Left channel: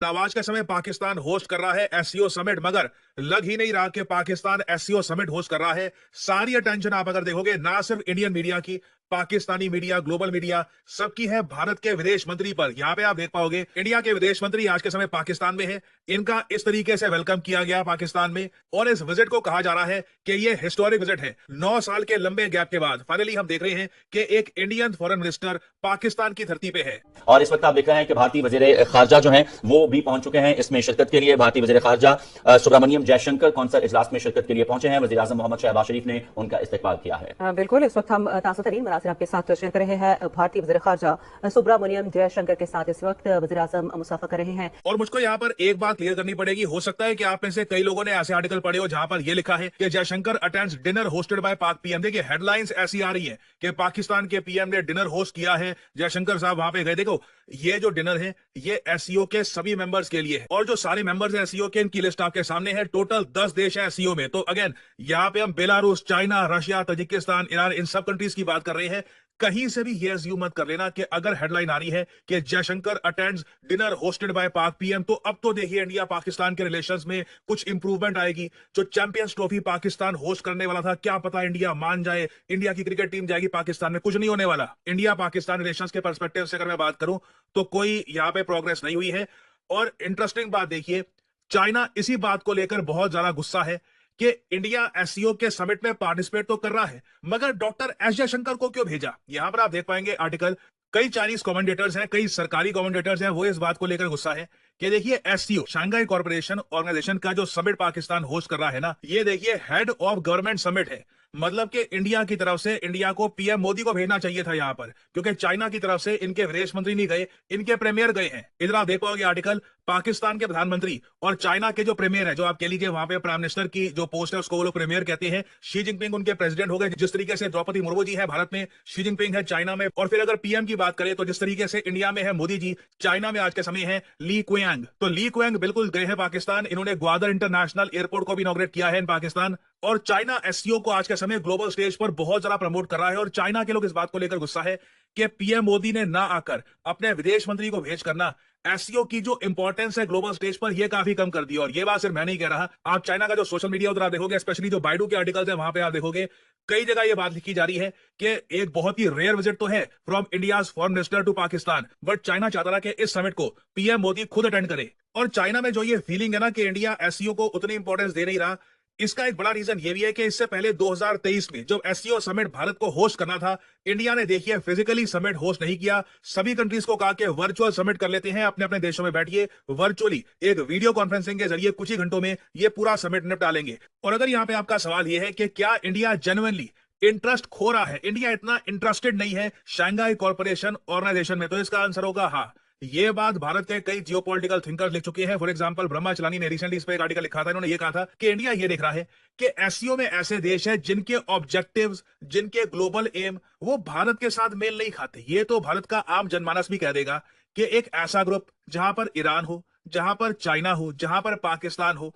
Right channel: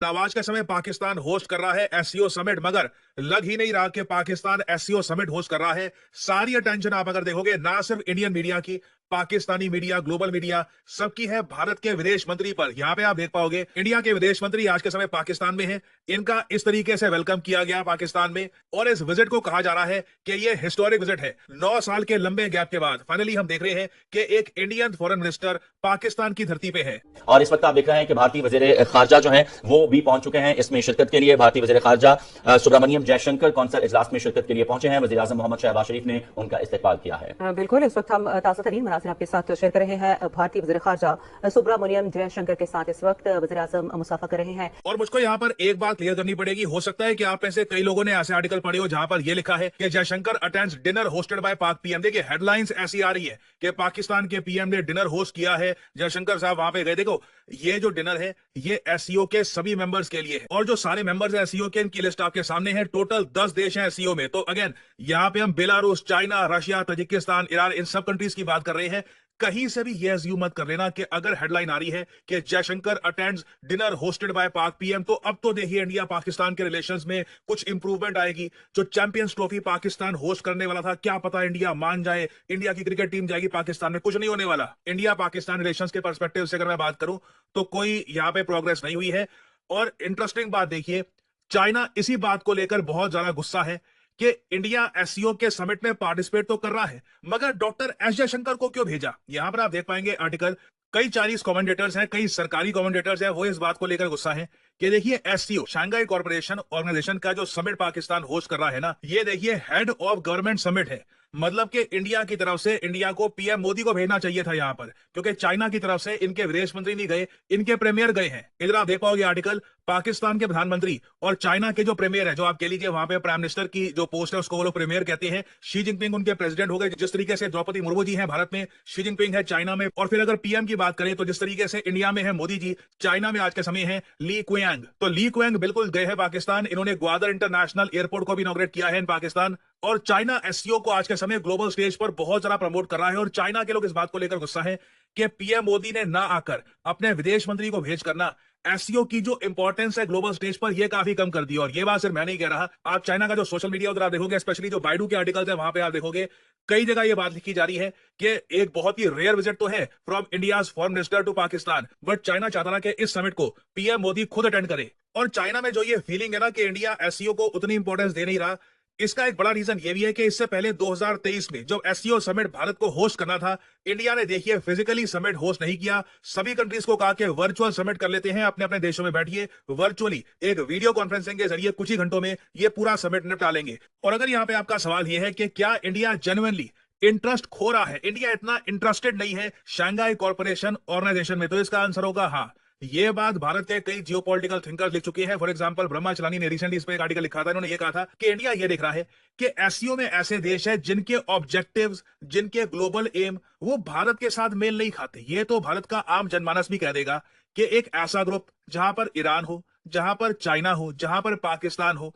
आज के समय पाकिस्तान होस्ट कर रहा है एससीओ समिट, मगर लग ही नहीं रहा कि पाकिस्तान एससीओ समिट होस्ट कर रहा है। सारी अटेंशन आप अगर देखोगे ना सिर्फ इंडियन मीडिया की, पाकिस्तानी मीडिया, ग्लोबल मीडिया, सबकी है भारत के विदेश मंत्री पर। यहां पे आप देख पाओगे इंडिया के विदेश मंत्री आज के समय पाकिस्तान में है। इनका इस तरीके से वेलकम किया गया पाकिस्तान में, और इस विजिट को कहा जा रहा है कि ये हिस्टोरिक विजिट है। 9 साल के लंबे गैप के बाद फाइनली हम देख रहे हैं कि एक इंडियन फॉरेन मिनिस्टर पाकिस्तान की धरती पे है। और इस वक्त आप देख रहे हैं कि भारतीय वजीर खारजा जो हैं वो भी पहुंच चुके हैं इसमें शिरकत के लिए। भारतीय वजीर खारजा सुब्रमण्यम जयशंकर कौंसल इजलास में शिरकत के लिए पहुंचे हैं। वजीर आजम मोहम्मद शहबाज शरीफ ने उनका इस्तकबाल किया है। बिल्कुल, इस वक्त हम ताज़ा तरीन मनासिर आपके साथ शेयर कर रहे हैं। भारतीय वजीर खारजा सुब्रमण्यम जयशंकर के साथ इस वक्त वजीर आजम मुसाफा कर रहे हैं। और मुझको यहाँ पर एक बात क्लियर करनी पड़ेगी। हो सकता है कि आप में से कई लोगों ने ऐसे आर्टिकल पढ़े हो जहां पर यह लिखा है कि Jaishankar attends dinner hosted by पाक पीएम। देखिए हेडलाइंस ऐसी आ रही है कि पाकिस्तान के पीएम ने डिनर होस्ट किया है, जयशंकर साहब वहां पे गए। देखो ये जो डिनर है ये एससीओ के सभी मेंबर्स के लिए है, और जो सारे मेंबर्स हैं एससीओ के, इनकी लिस्ट आपके सामने है। टोटल 10 देश हैं एससीओ में। तो अगेन यहाँ पे हम Belarus, China, Russia, Tajikistan, Iran, इन सब कंट्रीज की बात कर रहे हैं। कहीं से भी ये अज्यूम मत कर लेना कि अगर हेडलाइन आ रही है कि Jaishankar attends dinner hosted by पाक पीएम, तो अब तो देखिए इंडिया पाकिस्तान के रिलेशंस में कुछ इंप्रूवमेंट आएगी। जो चैंपियंस ट्रॉफी पाकिस्तान होस्ट करने वाला था, क्या पता इंडिया मान जाए, इंडिया की क्रिकेट टीम जाएगी पाकिस्तान में। कुछ नहीं होने वाला। इंडिया पाकिस्तान रिलेशंस के पर्सपेक्टिव से अगर मैं बात करूं तो कोई यहां पे प्रोग्रेस नहीं हुई है। और इंटरेस्टिंग बात देखिए, चाइना इसी बात को लेकर बहुत ज्यादा गुस्सा है कि इंडिया एससीओ के समिट में पार्टिसिपेट तो कर रहा है, मगर डॉक्टर एस जयशंकर को क्यों भेजा। यहां पर आप देख पाएंगे आर्टिकल, कई चाइनीज कमेंटेटर्स हैं, कई सरकारी कमेंटेटर्स हैं, वो इस बात को लेकर गुस्सा है कि देखिए एससीओ शंघाई कॉर्पोरेशन ऑर्गेनाइजेशन का जो समिट पाकिस्तान होस्ट कर रहा है ना, ये देखिए हेड ऑफ गवर्नमेंट समिट है। मतलब कि इंडिया की तरफ से इंडिया को पीएम मोदी को भेजना चाहिए था यहाँ पर, क्योंकि चाइना की तरफ से इनके विदेश मंत्री नहीं गए, इनके प्रीमियर गए हैं। इधर आप देख पाओगे आर्टिकल, पाकिस्तान के प्रधानमंत्री और चाइना के जो प्रीमियर है, जो आप कह लीजिए वहां पे प्राइम मिनिस्टर की जो पोस्ट है उसको वो लोग प्रीमियर कहते हैं। शी जिनपिंग उनके प्रेसिडेंट हो गए। जिस तरीके से द्रौपदी मुर्मू जी है भारत में, शी जिनपिंग है चाइना में। और फिर अगर पीएम की बात करें तो जिस तरीके से इंडिया में है मोदी जी, चाइना में आज के समय है ली क्वियांग। तो ली क्वियांग बिल्कुल गए हैं पाकिस्तान। इन्होंने ग्वादर इंटरनेशनल एयरपोर्ट को भी इनॉग्रेट किया है इन पाकिस्तान। और चाइना एससीओ को आज के समय ग्लोबल स्टेज पर बहुत ज्यादा प्रमोट कर रहा है। और चाइना के लोग इस बात को लेकर गुस्सा है कि पीएम मोदी ने ना आकर अपने विदेश मंत्री को भेज करना एससीओ की जो इंपॉर्टेंस है ग्लोबल स्टेज पर, यह काफी कम कर दी। और ये बात सिर्फ मैं नहीं कह रहा, आप चाइना का जो सोशल मीडिया उधर आप देखोगे, स्पेशली जो बाइडू के आर्टिकल्स है वहां पे आप देखोगे कई जगह ये बात लिखी जा रही है कि एक बहुत ही रेयर विजिट तो है from India's foreign minister to Pakistan, but China चाहता ना कि इस समिट को पीएम मोदी खुद अटेंड करे। और चाइना में जो ये फीलिंग है ना कि इंडिया एससीओ को उतनी इंपॉर्टेंस दे नहीं रहा, इसका एक बड़ा रीजन ये भी है कि इससे पहले 2023 में जब एससीओ समिट भारत को होस्ट करना था, इंडिया ने देखिए फिजिकली समिट होस्ट नहीं किया। सभी कंट्रीज को कहा कि वर्चुअल समिट कर लेते हैं, अपने अपने देशों में बैठिए, वर्चुअली एक वीडियो कॉन्फ्रेंसिंग के जरिए कुछ ही घंटों में ये पूरा समिट निपटा लेंगे। और अगर यहाँ पे आपका सवाल ये है कि क्या इंडिया जेन्युइनली इंटरेस्ट खो रहा है, इंडिया इतना इंटरेस्टेड नहीं है शंघाई कॉर्पोरेशन ऑर्गेनाइजेशन में, तो इसका आंसर होगा हाँ। ये बात भारत के कई जियोपॉलिटिकल थिंकर्स लिख चुके हैं। फॉर एग्जांपल ब्रह्मा चलानी ने रिसेंटली इस पे एक आर्टिकल लिखा था। इन्होंने ये कहा था कि इंडिया ये देख रहा है कि एससीओ में ऐसे देश है जिनके ऑब्जेक्टिव्स, जिनके ग्लोबल एम वो भारत के साथ मेल नहीं खाते। ये तो भारत का आम जनमानस भी कह देगा कि एक ऐसा ग्रुप जहां पर ईरान हो, जहां पर चाइना हो, जहां पर पाकिस्तान हो,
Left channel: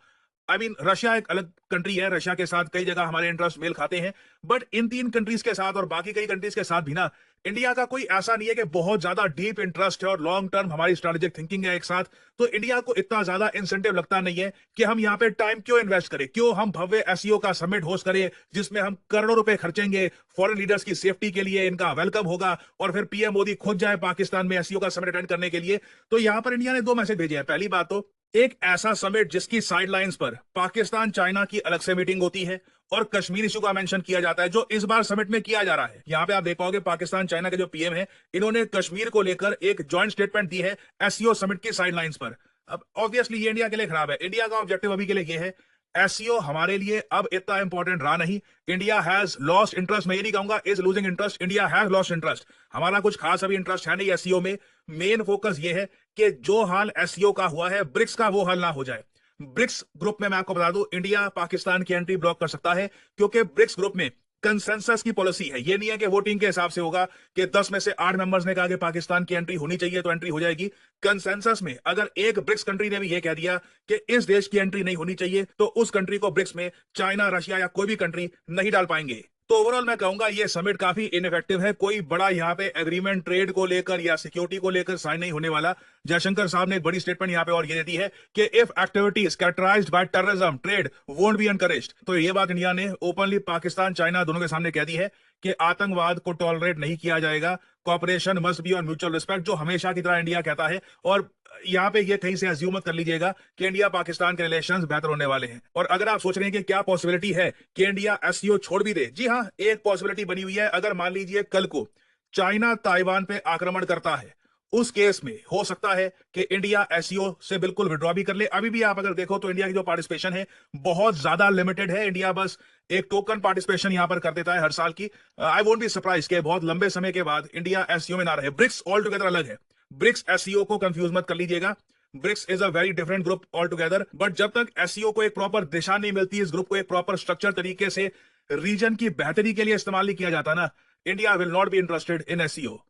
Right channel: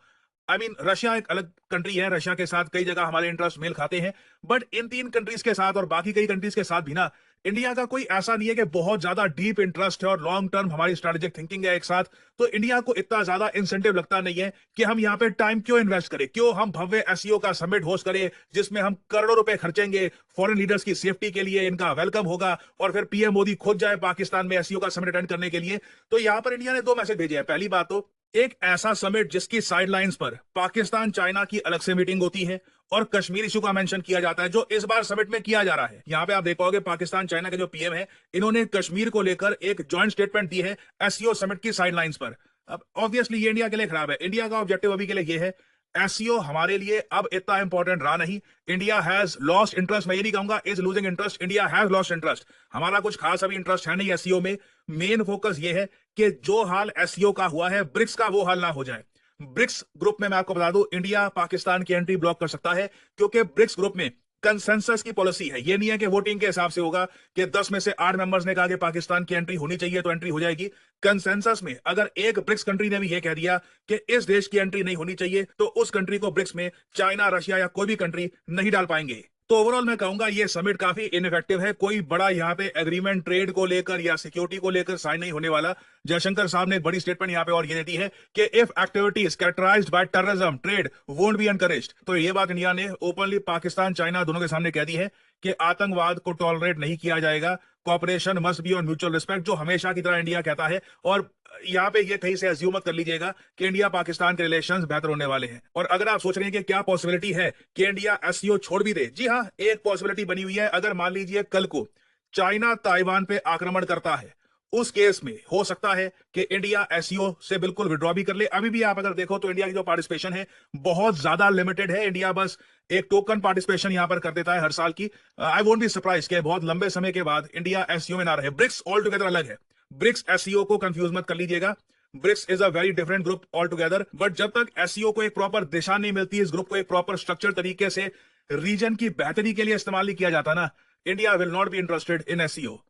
रशिया एक अलग कंट्री है, रशिया के साथ कई जगह हमारे इंटरेस्ट मेल खाते हैं, बट इन 3 कंट्रीज के साथ और बाकी कई कंट्रीज के साथ भी ना, इंडिया का कोई ऐसा नहीं है कि बहुत ज्यादा डीप इंटरेस्ट है और लॉन्ग टर्म हमारी स्ट्रेटेजिक थिंकिंग है एक साथ। तो इंडिया को इतना ज्यादा इंसेंटिव लगता नहीं है कि हम यहाँ पे टाइम क्यों इन्वेस्ट करें, क्यों हम भव्य एससीओ का समिट होस्ट करें जिसमें हम करोड़ों रुपए खर्चेंगे फॉरेन लीडर्स की सेफ्टी के लिए, इनका वेलकम होगा, और फिर पीएम मोदी खुद जाए पाकिस्तान में एससीओ का समिट अटेंड करने के लिए। तो यहाँ पर इंडिया ने 2 मैसेज भेजे हैं। पहली बात तो एक ऐसा समिट जिसकी साइडलाइंस पर पाकिस्तान चाइना की अलग से मीटिंग होती है और कश्मीर इशू का मेंशन किया जाता है, जो इस बार समिट में किया जा रहा है। यहां पे आप देख पाओगे पाकिस्तान चाइना के जो पीएम है, इन्होंने कश्मीर को लेकर एक जॉइंट स्टेटमेंट दी है एससीओ समिट की साइडलाइंस पर। अब ऑब्वियसली ये इंडिया के लिए खराब है। इंडिया का ऑब्जेक्टिव अभी के लिए ये है, एससीओ हमारे लिए अब इतना इंपॉर्टेंट रहा नहीं। इंडिया हैज लॉस्ट इंटरेस्ट, मैं ये नहीं कहूंगा is losing interest, India has lost interest. हमारा कुछ खास अभी इंटरेस्ट है नहीं एससीओ में। मेन फोकस ये है कि जो हाल एससीओ का हुआ है ब्रिक्स का, वो हाल ना हो जाए। ब्रिक्स ग्रुप में मैं आपको बता दूं, इंडिया पाकिस्तान की एंट्री ब्लॉक कर सकता है, क्योंकि ब्रिक्स ग्रुप में कंसेंसस की पॉलिसी है। ये नहीं है कि वोटिंग के हिसाब से होगा कि 10 में से 8 मेंबर्स ने कहा कि पाकिस्तान की एंट्री होनी चाहिए तो एंट्री हो जाएगी। कंसेंसस में अगर एक ब्रिक्स कंट्री ने भी ये कह दिया कि इस देश की एंट्री नहीं होनी चाहिए, तो उस कंट्री को ब्रिक्स में चाइना, रशिया या कोई भी कंट्री नहीं डाल पाएंगे। तो ओवरऑल मैं कहूंगा ये समिट काफी इनफेक्टिव है। कोई बड़ा यहाँ पे एग्रीमेंट ट्रेड को लेकर या सिक्योरिटी को लेकर साइन नहीं होने वाला। जयशंकर साहब ने एक बड़ी स्टेटमेंट यहाँ पे और ये दी है कि if activities characterized by terrorism trade won't be encouraged. तो ये बात इंडिया ने ओपनली पाकिस्तान चाइना दोनों के सामने कह दी है कि आतंकवाद को टॉलरेट नहीं किया जाएगा। Cooperation must be on mutual respect, जो हमेशा की तरह इंडिया कहता है। और यहाँ पे ये कहीं से अज्यूम मत कर लीजिएगा कि इंडिया पाकिस्तान के रिलेशंस बेहतर होने वाले हैं। और अगर आप सोच रहे हैं कि क्या पॉसिबिलिटी है कि इंडिया एससीओ छोड़ भी दे, जी हाँ, एक पॉसिबिलिटी बनी हुई है। अगर मान लीजिए कल को चाइना ताइवान पे आक्रमण करता है, उस केस में हो सकता है कि इंडिया एससीओ से बिल्कुल विड्रॉ भी कर ले। अभी भी आप अगर देखो तो इंडिया की जो पार्टिसिपेशन है बहुत ज्यादा लिमिटेड है। इंडिया बस एक टोकन पार्टिसिपेशन यहां पर कर देता है हर साल की। आई वोंट बी सरप्राइज कि बहुत लंबे समय के बाद इंडिया एससीओ में ना रहे। ब्रिक्स ऑल टुगेदर अलग है, ब्रिक्स एससीओ को कंफ्यूज मत कर लीजिएगा। BRICS is a very different group all together. But जब तक एससीओ को एक प्रॉपर दिशा नहीं मिलती, इस ग्रुप को एक प्रॉपर स्ट्रक्चर तरीके से रीजन की बेहतरी के लिए इस्तेमाल नहीं किया जाता ना, India will not be interested in SCO.